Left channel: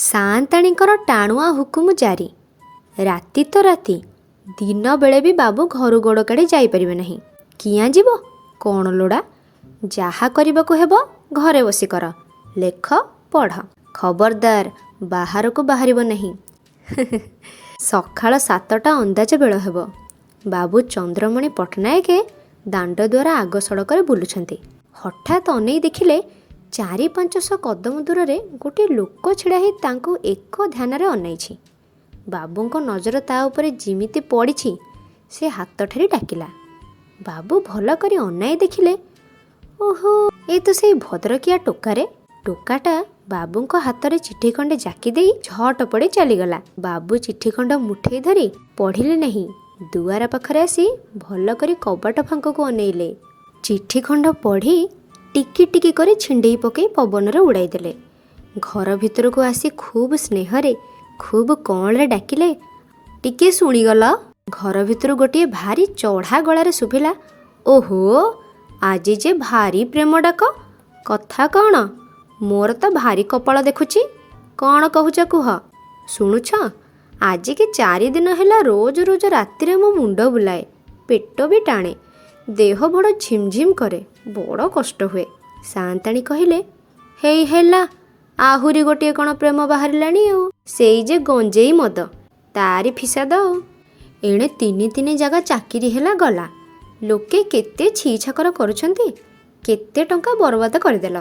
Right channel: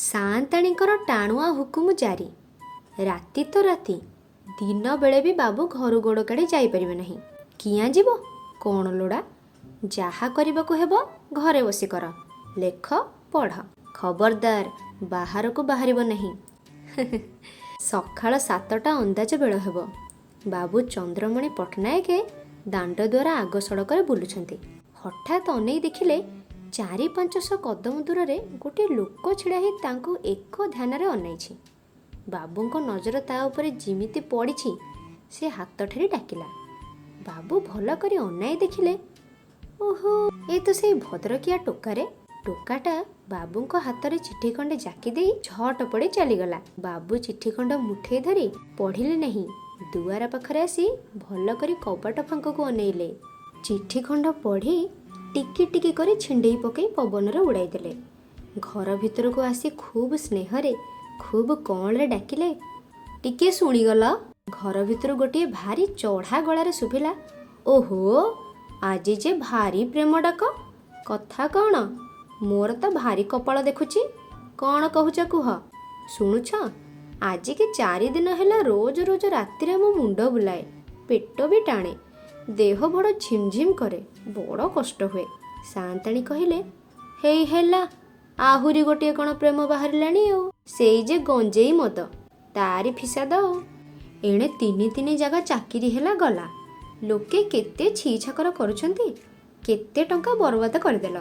ସାଆନ୍ତାଣୀଙ୍କର ଟାଣୁଆ ହୁକୁମ ଜାରି। ରାତି ତ ରାତି, ଦିନ ବେଳେ ବି ବାବୁ ଘରୁ ଗୋଡ଼ କାଢ଼ି ଯାଇପାରିବେ ନାହିଁ। କିଆଁ ଯିବ? କ'ଣ ଲୋଡ଼ା? ଯାହା କରିବାକୁ ହେବ ଘରେ ବସି କର। ଲେଖ, ପଢ଼। ଖବରଦାର ବାହାରକୁ ବାହାରିବ ନାହିଁ। ସକାଳ 7ଟା ଅନ୍ଦାଜ ବେଳ ହେବ। ବାବୁ ଚନ୍ଦ୍ରମଣି ପଟ୍ଟନାୟକ ଦାଣ୍ଡ ଦ୍ୱାରା ଆଗ ସଡ଼କରେ ବୁଲୁଛନ୍ତି। ହଠାତ୍ ଅନେଇ ଦେଖିଲେ 400-500 କଦମ ଦୂରରେ ଗୋଟିଏ ଲୋକ ଛିଡ଼ା ହୋଇ ତାଙ୍କୁ ଏକ ଧ୍ୟାନରେ ଅନାଇଛି। ବାବୁଙ୍କ ନଜର ତା ଉପରେ ଯେମିତି ପଡ଼ିଛି, ସେ ହାତ ଠାରି ଡାକିଲା। ବାବୁ ଭଲ କରି ଅନାଇ ଦେଖିଲେ, ଓହୋ, ଏ ତ ସେଇ ଭଦ୍ରକିଆ ଟୋକାରେ। ଟୋକାଟା ବାବୁଙ୍କ ହାତରେ ଚିଠି ଖଣ୍ଡେ ଜାକି ଦେଇ ଝଟ ପଡ଼ି ଚାଲିଗଲା। ବାବୁ ଚିଠି ଖଣ୍ଡ ମୁଠେଇ ଧରି ପଢ଼ିଲେ ନାହିଁ। ଦୁଆର ପାଖରେ ଆସି ଭଲ କରି କବାଟ ଫାଙ୍କକୁ ଅନେଇଲେ। ଚିଠି ଖଣ୍ଡ ପଢ଼ି ଟିକି ଟିକି କରି ଛିଣ୍ଡେଇ ପକାଇ ପବନରେ ଉଡ଼ାଇ ଦେଲେ। ଘର ଭିତରକୁ ଆସି ଖୁବ୍ ସ୍ନେହରେ, ଖୁବ୍ କଅଁଳରେ ଡାକିଲେ, ଟିକିଏ ଶୁଣିଗଲ। ଘର ଭିତରୁ ଗୋଟିଏ ଭାରି ଚଢ଼ା ଗଳାରେ ଶୁଭିଲା, ଓହୋ, ଆଜି ଯେ ଭାରି ପ୍ରେମ ଡାକ। କଥା କ'ଣ? ମୋର ତ ଭାରି କପାଳ ଦେଖୁଛି। କ'ଣ କହୁଛ କୁହ? ଶୁଣୁଛ, ଆଜିକି 4 ଦିନ ହେଲା ରୋଜ ରୋଜ ରାତିରେ ମୋ ମୁଣ୍ଡ ବୁଲାଏ, ପେଟ ବି ଟାଣେ, ଦେହ ବଡ଼ ଝିମଝିମ କରେ, ବଡ଼ କଷ୍ଟ ହୁଏ। ସାଆନ୍ତାଣୀ କହିଲେ, ହେଇ ହେଲା, ଆହୁରି ଗୋଟିଏ କ'ଣ ପ୍ରେମ ବାହାରିଲାଣି ଆଉ। ସେଇ ଯେ ଗଞ୍ଜେଇ ମଦ, ତାରି ଫିସାଦ ଆଉ। ଏଣେ 3 ଜାଗା ଚାକିରି ହେଲା ଗଲା। ଲୋକେ କେତେ ଛି ଛାକର କରୁଛନ୍ତି, କେତେ ଟଙ୍କା ବରବାଦ କରିଦେଲ।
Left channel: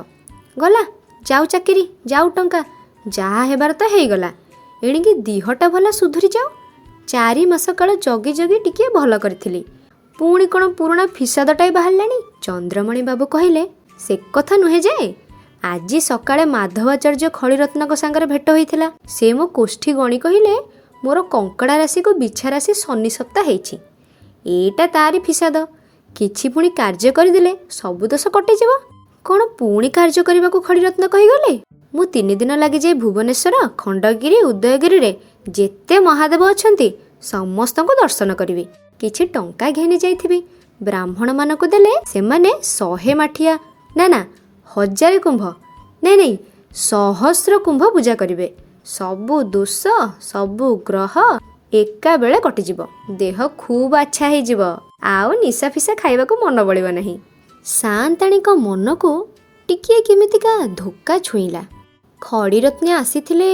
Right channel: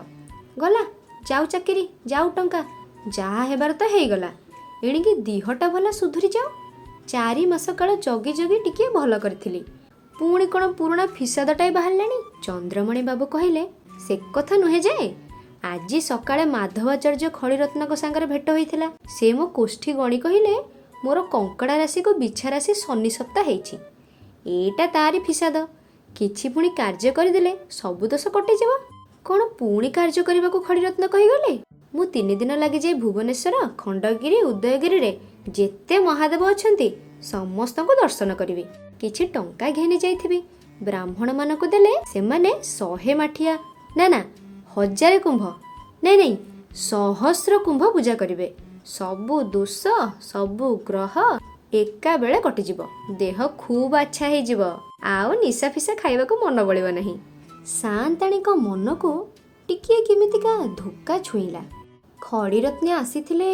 ଗଲା, ଯାଉ ଚାକିରି, ଯାଉ ଟଙ୍କା, ଯାହା ହେବାର ତ ହେଇଗଲା। ଏଣିକି ଦିହଟା ଭଲ ସୁଧୁରି ଯାଉ। 4 ମାସ କାଳ ଜଗି ଜଗି ଟିକିଏ ଭଲ କରିଥିଲି, ପୁଣି କ'ଣ ପୁରୁଣା ଫିସାଦଟାଇ ବାହାରିଲାଣି। ଚନ୍ଦ୍ରମଣି ବାବୁ କହିଲେ, ସେ କଥା ନୁହେଁ ଯେ, ଆଜି ସକାଳେ ମାଧବାଚାର୍ଯ୍ୟ ଖଳିରତ୍ନଙ୍କ ସାଙ୍ଗରେ ଭେଟ ହୋଇଥିଲା। ସେ ମୋ କୋଷ୍ଠୀ ଗଣି କହିଲେ, ମୋର କଙ୍କଡ଼ା ରାଶିକୁ ବିଛା ରାଶି ଶନି ସପ୍ତାହ ହେଇଛି। ଏଇଟା ତାରି ଫିସାଦ। କିଛି ପୁଣି କାର୍ଯ୍ୟ କରିଦେଲେ ସବୁ ଦୋଷ କଟିଯିବ। କ'ଣ ପୁଣି କାର୍ଯ୍ୟ କରିବାକୁ ଖଳିରତ୍ନ କହିଗଲେ? ମୁଁ 3 ଦିନ ଲାଗିଯାଇ ଭୁବନେଶ୍ୱର, ଖଣ୍ଡଗିରି, ଉଦୟଗିରିରେ ଯେତେ ମହାଦେବ ଅଛନ୍ତି ସମସ୍ତଙ୍କୁ ଦର୍ଶନ କରିବି। କିଛି ଟଙ୍କା ଘେନି ଯାଇଥିବି। ବ୍ରାହ୍ମଣମାନଙ୍କୁ ଦେଲେ ସେମାନେ 100 ମାଠିଆ, ନା 1000 କୁମ୍ଭ, ନାଇଁ 1000 କୁମ୍ଭ ପୂଜା କରିବେ। ସବୁ ଦୋଷ, ସବୁ ଗ୍ରହ ଏକା ବେଳେ କଟିଯିବ। ଦେହ ଖୁବ୍ ଆଚ୍ଛା ହେଇଯିବ। ଆଉ ନିଶା ଫିସା ଖାଇବାକୁ ମନ ବଳିବ ନାହିଁ। ସାଆନ୍ତାଣୀଙ୍କ ମନକୁ ଟିକିଏ କେମିତିକା ଧୋକା ଛୁଇଁଲା। ଖଡ଼ିରତ୍ନେ ଆସିଥିଲେ,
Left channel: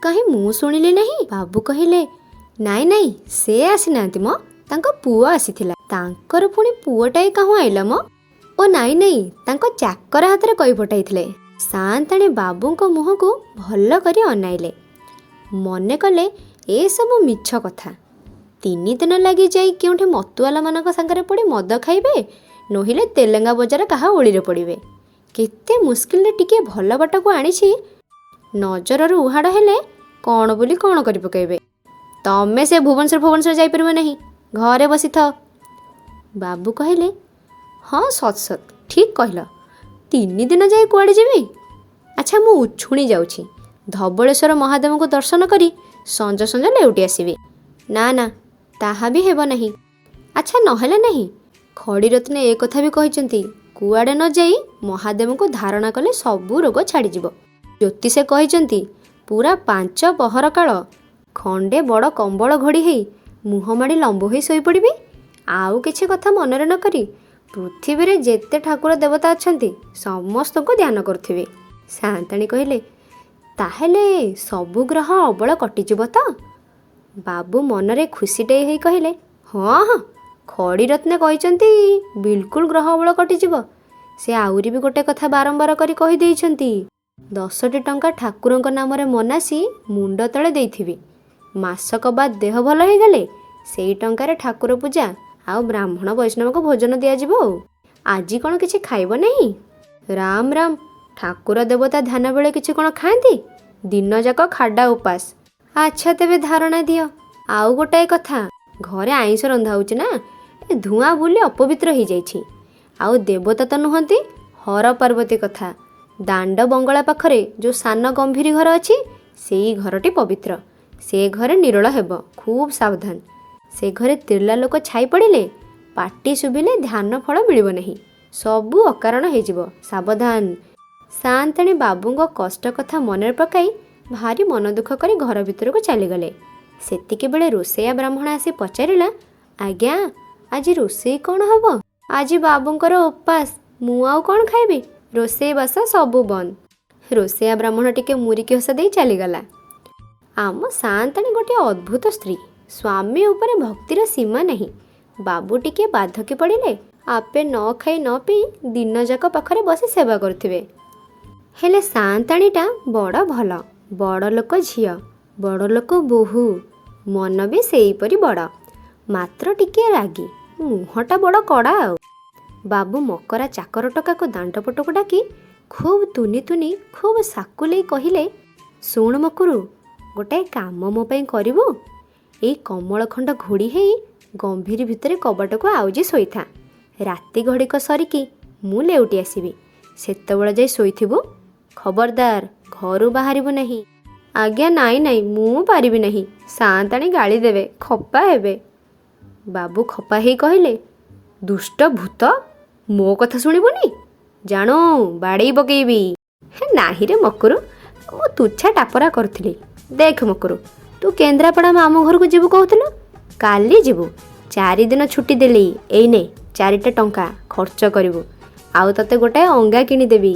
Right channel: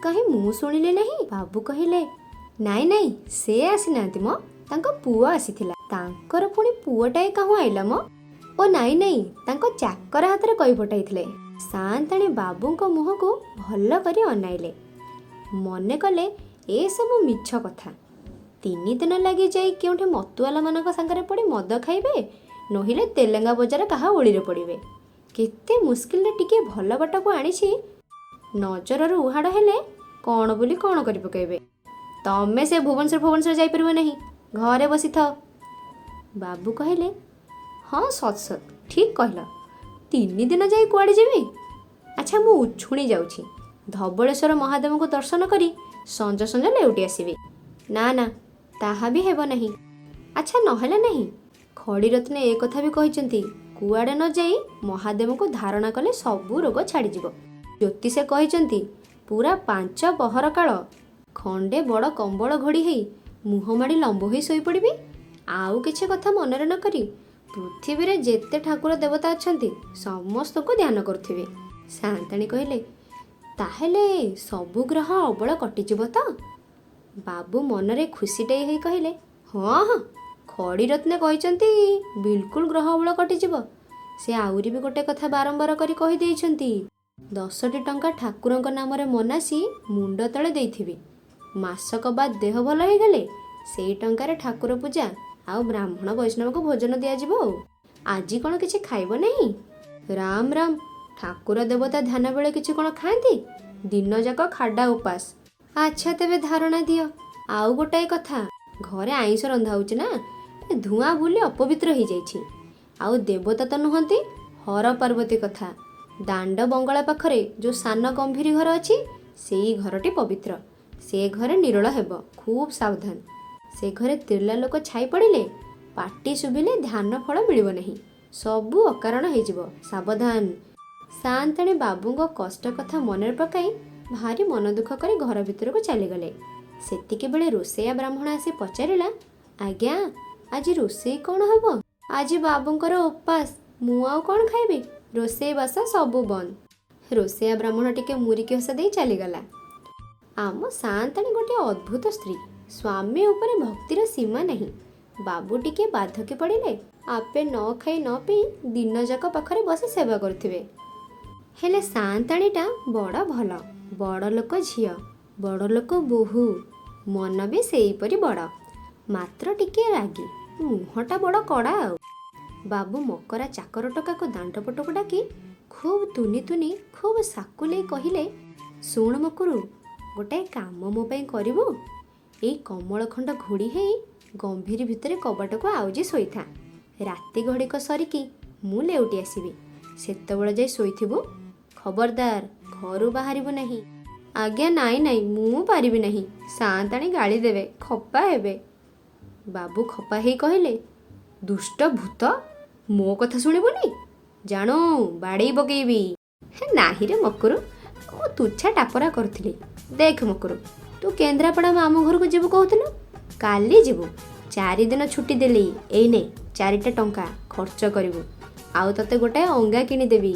କାହିଁ ମୁଁ ଶୁଣିଲି ନାହିଁ? ବାବୁ କହିଲେ, ନାଇଁ ସେ ଆସିନାହାନ୍ତି ମ, ତାଙ୍କ ପୁଅ ଆସିଥିଲା। ତାଙ୍କର ପୁଣି ପୁଅଟାଏ କାହୁଁ ଆଇଲା ମ? ଓ ନାଇଁ, ତାଙ୍କ ଚାକର ହାତରେ କହି ପଠାଇଥିଲେ। ସାଆନ୍ତାଣୀ ବାବୁଙ୍କ ମୁହଁକୁ ଭଲ କରି ଅନାଇଲେ। ମନେ କଲେ ଏସବୁ ମିଛ କଥା। 3 ଦିନ ଲାଗି ଯାଇ କେଉଁଠି ମତୁଆଲାମାନଙ୍କ ସାଙ୍ଗରେ ପଡ଼ି ମଦ ଖାଇବେ, ନୋହିଲେ ତେଲେଙ୍ଗା ବଜାର କାହା ଓଳିରେ ପଡ଼ିବେ। କେତେ ମୁସ୍କିଲରେ ଟିକିଏ ଭଲ ବାଟକୁ ଆଣିଛି, ନଜରରୁ ଉହାଡ଼ ହେଲେ କ'ଣ ବୋଲି କ'ଣ କରି ପକାଇବେ। ତମେ ସେ ଭୁବନେଶ୍ୱର ଯାଇପାରିବ ନାହିଁ, ଘରେ ବସିଥାଅ। ବାବୁ କହିଲେ, ହଁ ସତ୍ ଠିକ୍ କହିଲ। 3 ଦିନ ଯାଇ କୁଆଡ଼େ ଯିବି? ଆଚ୍ଛା, ମୁଁ ଉଛୁଣି ଯାଉଛି। ଧବଳେଶ୍ୱର ମହାଦେବଙ୍କୁ ଦର୍ଶନ କରି ସଞ୍ଜ ସଞ୍ଜ ଲେଉଟି ଆସିବି। ନା, ତାହା ବି ହେବ ନାହିଁ। ଆଚ୍ଛା, ନହେଲା ନାହିଁ। ଖଡ଼ିରତ୍ନେ ଏ କଥା ବି କହିଛନ୍ତି, କୁଆଡ଼େ ନ ଯାଇ ମହାଦେବଙ୍କୁ ଧାରଣା କଲେ ସବୁ ରୋଗ ଛାଡ଼ିଯିବ। ଜ୍ୟୋତିଷେ କହିଛନ୍ତି, ପୁରା 5 ପହର କାଳ ଖଣ୍ଡେ ବଡ଼ କମ୍ବଳ ଘୋଡ଼ି ହେଇ ମୁହଁ ମାଡ଼ି ଲମ୍ବ ହୋଇ ଶୋଇପଡ଼ିବି। ଆଉ କିଛି କଥା ମନରେ ନ କରି ପୃଥିବୀରେ ଯେତେ ଠାକୁର ଦେବତା ଅଛନ୍ତି ସମସ୍ତଙ୍କୁ ଧ୍ୟାନ କରୁଥିବେ। ସାଆନ୍ତାଣୀ କହିଲେ, ତାହେଲେ ସବୁ ଗ୍ରହ ଅବଳ କଟିଯିବ ତ? ବାବୁ ମନରେ ଖୁସିଟେ ହେଇ କହିଲେ, ହଁ, ଖଡ଼ିରତ୍ନେ କହିଛନ୍ତି ବିଲକୁଲ ଗ୍ରହ ଅବଳ କଟିଯିବ। ସେ ଆହୁରି ବି ଗୋଟେ କଥା ବାରମ୍ବାର କରି କହିଦେଇଛନ୍ତି, 10ଟି ଟଙ୍କା ଠାକୁରଙ୍କ ନାମରେ ମନାସି ମୁଣ୍ଡ ତଳେ ଦେଇଥିବି। ମାସକ ବାଦ ଦେହ ଭଲ ହେଇଗଲେ ସେଇ ଟଙ୍କାରେ ଠାକୁର ପୂଜା ଆଉ ବ୍ରାହ୍ମଣ ବୈଷ୍ଣବଙ୍କୁ ଭୋଜନ ଦିଆଯିବ। ଆଉ ଆଜି କ'ଣ କିଛି ଖାଇବ ନାହିଁ? ରାମ, ଠାକୁର ଦେବତା ଧ୍ୟାନ ବେଳେ କିଛି କ'ଣ ଖାଆନ୍ତି? ଦିନ ଯାକ ଖାଡ଼ା ଉପାସ। ଆଚ୍ଛା, ତେବେ ଧାରଣା ଦିଅ। ଆଉ ଗୋଟାଏ କଥା, ଘରେ ଆଇଁଷ ରନ୍ଧା ହେଉଛି ନା, ଧୂଆଁ ବୁଲି ଅପବିତ୍ର ହେଇଯାଇଛି। ଆଉ ଦେବତା ତ ନୁହନ୍ତି, ହର ପାର୍ବତୀ କଥା। ଦାଣ୍ଡ ବଙ୍ଗଳା ପାଖରେ ଯେଉଁ ସାନ ଗମ୍ଭୀରୀ ଘର ଅଛି, ସେଇ ଘରଟି ପବିତ୍ର। ସେ ଘରେ ନିରୋଳ ହେବ, ଖୁବ୍ ସାବଧାନ। ସେ ଘରେ ତିର୍ଲା ଲୋକ ଛାଇ ପଡ଼ିଲେ, ପାଟି ଶୁଭିଲେ ଧ୍ୟାନ ଫଳ ମିଳିବ ନାହିଁ, ସବୁ ଅକାରଣ ହେଇଯିବ, ସାବଧାନ। ସାଆନ୍ତାଣୀ ବାବୁଙ୍କ କଷ୍ଟ କଥା ମନରେ ପକାଇ ଭାରି ମନ ଦୁଃଖ କରି ଘର ଭିତରକୁ ଚାଲିଗଲେ। ସେତିକି ବେଳେ ରୋଷେଇଆ ବ୍ରାହ୍ମଣ ଆସି ପଚାରିଲା, ଆଜ୍ଞା ଆଜି ରୋଷେଇ କ'ଣ ହବ? ଆଜି ବାବୁଙ୍କର ଉପାସ, ମୁଁ ଆଉ କ'ଣ ଖାଇବି? ରୋଷେଇ ବାସ ସବୁ ବନ୍ଦ। ରୋଷେଇଆ ବ୍ରାହ୍ମଣ ଟିକେ ମୁରିକି ହସ ଦେଇ ଚାଲିଗଲା। ଆମ ସାଆନ୍ତାଣୀ ଗୋଟିଏ ଅଦ୍ଭୁତ ସ୍ତ୍ରୀ। ସ୍ୱାମୀ ଉପରେ ଭକ୍ତିର ସୀମା ନାହିଁ। ବାବୁ ଟିକେ ବାଧକି ପଡ଼ିଲେ ଆପେ ନ ଖାଇ ନ ପିଇ ଦିନଯାକ ପାଖରେ ବସି ସେବା କରୁଥିବେ। ହେଲେ ସାଆନ୍ତାଣୀଟା ବଡ଼ ଭଲ, ବଡ଼ ଲୋକ ଝିଅ, ବଡ଼ ଲୋକ ବୋହୂ, ମନ ବି ସେଇପରି ବଡ଼, ମାତ୍ର ଟିକିଏ ରାଗି, ମୁହଁଟା ବଡ଼ କଡ଼ା ଆଉ। ବାବୁ ମକରା ଚାକର ଟୋକାକୁ ଦାଣ୍ଡପଟକୁ ଡାକି ଖୁବ୍ ତୁନି ତୁନି ଖୁବ୍ ସାକୁଲେଇ କହିଲେ, ଶୁଣ ମକୁରୁ, ଗୋଟାଏ କାମ ମୋ ପାଇଁ କରିବୁ? ଏଇ କମଳ ଖଣ୍ଡ ଘୋଡ଼ି ହେଇ ଗମ୍ଭୀର ଭିତରେ କବାଟକୁ ଆଉଜି ଶୋଇଥା। ରାତି ଘଡ଼ିକ ସରିକି ମୁଁ ଲେଉଟି ଆସିବି। ସେତେବେଳେ ଯାଇ ଶୋଇଥିବୁ। ଖବରଦାର ଘରୁ ବାହାରିବୁ ନାହିଁ। ଆଜ୍ଞା ନାଇଁ ନାଇଁ, ମୁଁ ପାରିବି ନାହିଁ। ସାଆନ୍ତାଣୀ ଗାଳି ଦେବେ, ଖପା ହେବେ। ବାବୁ ଖପା ହେଇ କହିଲେ, ଦୁଷ୍ଟ ଭୂତ, ମୋ କଥା ଶୁଣିବୁନି? ଜାଣୁ ବାଡ଼େଇ ପକେଇବି। ହେ ନାହିଁରେ ମକୁରୁ, ମୁଁ ତୁଚ୍ଛା ଟାପରା କରୁଥିଲି। ଦେଖ ମକୁରୁ, ତୁ କେନ୍ଦ୍ରାପଡ଼ା ମାମୁଁ ଘରକୁ ଯିବୁ କହୁଥିଲୁ, କାଲି ଯିବୁ। 4 ଦିନ ଛୁଟି ଦେଲି। ଏଇନେ 4ଟା ଟଙ୍କା ଖର୍ଚ୍ଚ କରିବୁ, ଆଉ ତତେ ଗୋଟାଏ ଅଙ୍ଗା କିଣିଦେବି।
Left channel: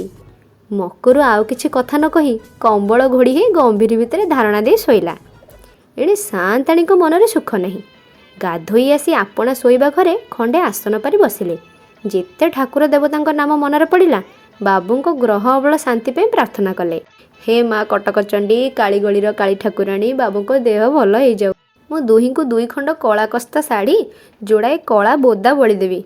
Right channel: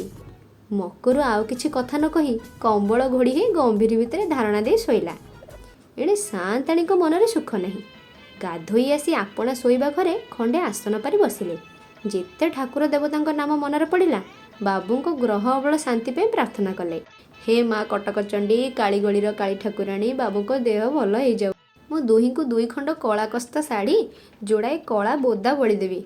ମକୁରୁ ଆଉ କିଛି କଥା ନ କହି କମ୍ବଳ ଘୋଡ଼ି ହେଇ ଗମ୍ଭୀର ଭିତରେ ଧାରଣା ଦେଇ ଶୋଇଲା। ଏଣେ ସାଆନ୍ତାଣୀଙ୍କ ମନରେ ସୁଖ ନାହିଁ। ଗାଧୋଇ ଆସି ଆପଣା ଶୋଇବା ଘରେ ଖଣ୍ଡେ ଆସନ ପାରି ବସିଲେ। ଯେତେ ଠାକୁର ଦେବତାଙ୍କ ନାମ ମନରେ ପଡ଼ିଲା, ବାବୁଙ୍କ ଗ୍ରହ ଅବଳ ଶାନ୍ତି ପାଇଁ ପ୍ରାର୍ଥନା କଲେ। ହେ ମା କଟକଚଣ୍ଡୀ, କାଳିଗଳିର କାଳି ଠାକୁରାଣୀ, ବାବୁଙ୍କ ଦେହ ଭଲ ହେଇଯାଉ। ମୁଁ ଦୁହିଁଙ୍କୁ 2 ଖଣ୍ଡ କଳା କସ୍ତା ଶାଢ଼ୀ, ଯୋଡ଼ାଏ କଳା ବୋଦା ବଳିଦେବି।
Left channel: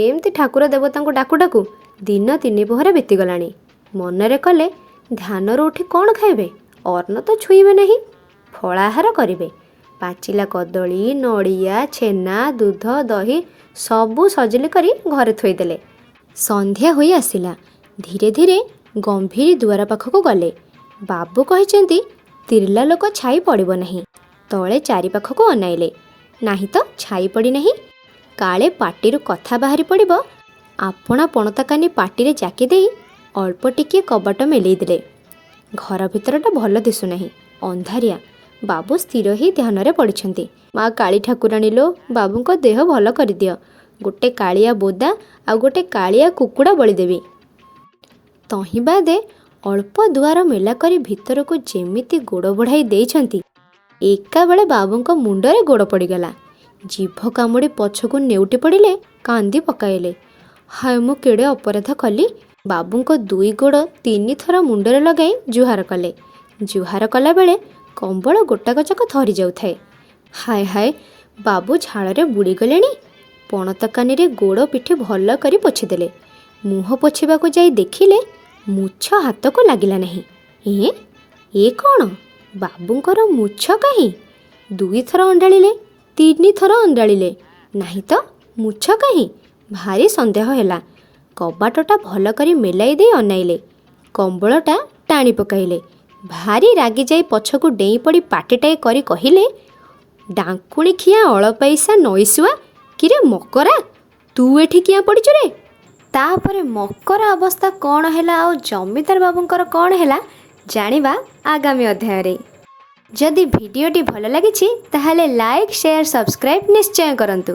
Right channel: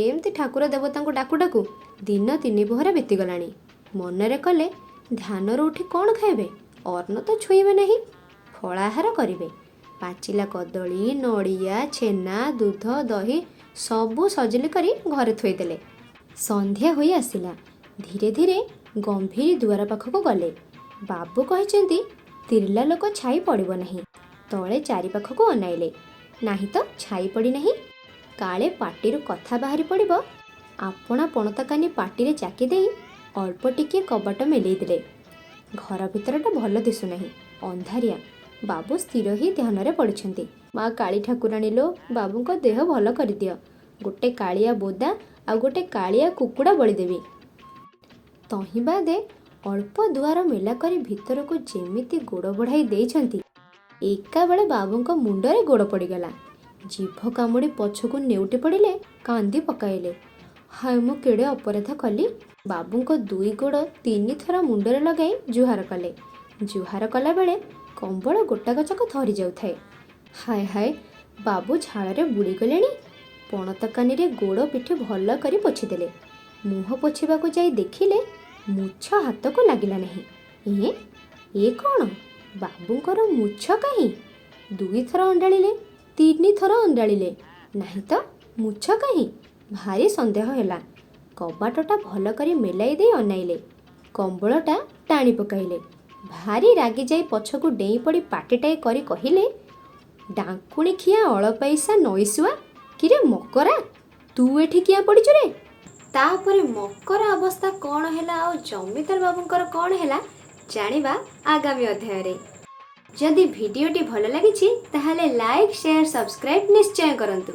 ଏମିତି ଠାକୁର ଦେବତାଙ୍କୁ ଡାକୁ ଡାକୁ ଦିନ 3 ପହର ବିତିଗଲାଣି। ମନରେ କଲେ, ଧ୍ୟାନରୁ ଉଠି କ'ଣ ଖାଇବେ? ଅନ୍ନ ତ ଛୁଇଁବେ ନାହିଁ, ଫଳାହାର କରିବେ। ପାଚିଲା କଦଳୀ, ନଡ଼ିଆ, ଛେନା, ଦୁଧ, ଦହି ସବୁ ସଜିଲି କରି ଘରେ ଥୋଇଦେଲେ। ସନ୍ଧ୍ୟା ହୋଇ ଆସିଲା। ଧୀରେ ଧୀରେ ଗମ୍ଭୀର ଦୁଆର ପାଖକୁ ଗଲେ। ବାବୁ କହିଛନ୍ତି, ତିର୍ଲା ଲୋକ ଛାଇ ପଡ଼ିବ ନାହିଁ। ତଳେ ଚାରିପାଖକୁ ଅନାଇଲେ। ନାହିଁ ତ ଛାଇ ପଡ଼ି ନାହିଁ। କାଳେ ପାଟିରୁ କଥା ବାହାରି ପଡ଼ିବ। ଆପଣା ପଣତାକାନି ପାଟିରେ ଜାକି ଦେଇ ଅଳ୍ପ ଟିକିଏ କବାଟ ମେଲେଇ ଦେଲେ। ଘର ଭିତରଟା ଭଲ ଦିଶୁନାହିଁ, ଅନ୍ଧାରିଆ। ବାବୁ ସ୍ଥିର ହେଇ ଧ୍ୟାନରେ ପଡ଼ିଛନ୍ତି। ମା କାଳି ଠାକୁରାଣୀ ଲୋ, ବାବୁଙ୍କ ଦେହ ଭଲ କରିଦିଅ। ଗୋଟେ କାଳିଆ ବୋଦା ଆଉ ଗୋଟେ କାଳିଆ କୁକୁଡ଼ା ବଳିଦେବି। ତହିଁ ବାଦେ ଅଳ୍ପ ଦୁଆର ମେଲା କରି ଭିତରକୁ ଯେମିତି ଗୋଡ଼ ବଢ଼ାଇ ଦେଇଛନ୍ତି, ଏକାବେଳେ ବାବୁଙ୍କ ମୁଣ୍ଡରେ ଗୋଡ଼ ପଡ଼ିଗଲା। ଜିଭ କାମୁଡ଼ି ପଛକୁ ନେଉଟି ପଡ଼ିଲେ, କାନ୍ଦି ପକାଇଲେ। ହାୟ ମୁଁ କେଡ଼େ ଅପରାଧ କଲି। ବାବୁଙ୍କ 2 ଗୋଡ଼ 3 ଥର ମୁଣ୍ଡରେ ଲଗାଇ ଜୁହାର କଲେ। ଜୁହାର କଲାବେଳେ କମ୍ବଳ ଗୋଟାକ ଯାକ ଥରି ଯାଉଥାଏ। ହାୟ ହାୟ, ବାବୁ ଝାଳରେ ବୁଡ଼ିଗଲେଣି। ପଣତକାନିରେ ଗୋଡ଼ ପିଠି ଭଲ କରି ପୋଛିଦେଲେ। ମୁହଁ ପୋଛିବାକୁ ଯାଇ ଦେଖିଲେ, ମୁଛ ହାତକୁ ଲାଗିଲା ନାହିଁ। ଏ କ'ଣ? ବାବୁଙ୍କର ମୁଛ କାହିଁ? 2 ଥର ଅଣ୍ଡାଳିଲେ, 3 ଥର ଅଣ୍ଡାଳିଲେ, ନାହିଁ ତ ମୁଛ କାହିଁ? ଭାରି ସନ୍ଦେହ ହେଲା। କବାଟଟା ଭଲ କରି ମେଲାଇ ଦେଇ ଅନାଇଲେ। କମ୍ବଳଟା ଟାଣି ପକାଇଲେ। ଭାରି ରାଗି ଯାଇ ପଛକୁ ଡେଇଁ ପଡ଼ି ପାଟିଟାଏ କରି କହିଲେ, ଡାଙ୍କୁଣି ଖିଆ ଅଳପାଇସା ନଈଶୁଆ, କିରେ ମକରା, ତୁ ଏଠି କିଆଁ ପଡ଼ିଛୁ ରେ? ତାପରେ ମକରା ଅବସ୍ଥା କ'ଣ ହେଲା ଆଉ ଜମିଦାର ବାବୁଙ୍କର କ'ଣ ହେଲା ଜାଣିବା ଆଗାମୀ ଅଧ୍ୟାୟରେ। ଯଦି ଭିଡ଼ିଓଟି ଭଲ ଲାଗିଛି ତାହେଲେ ଲାଇକ୍, ସେୟାର, ସବସ୍କ୍ରାଇବ୍ ନିଶ୍ଚୟ କରନ୍ତୁ।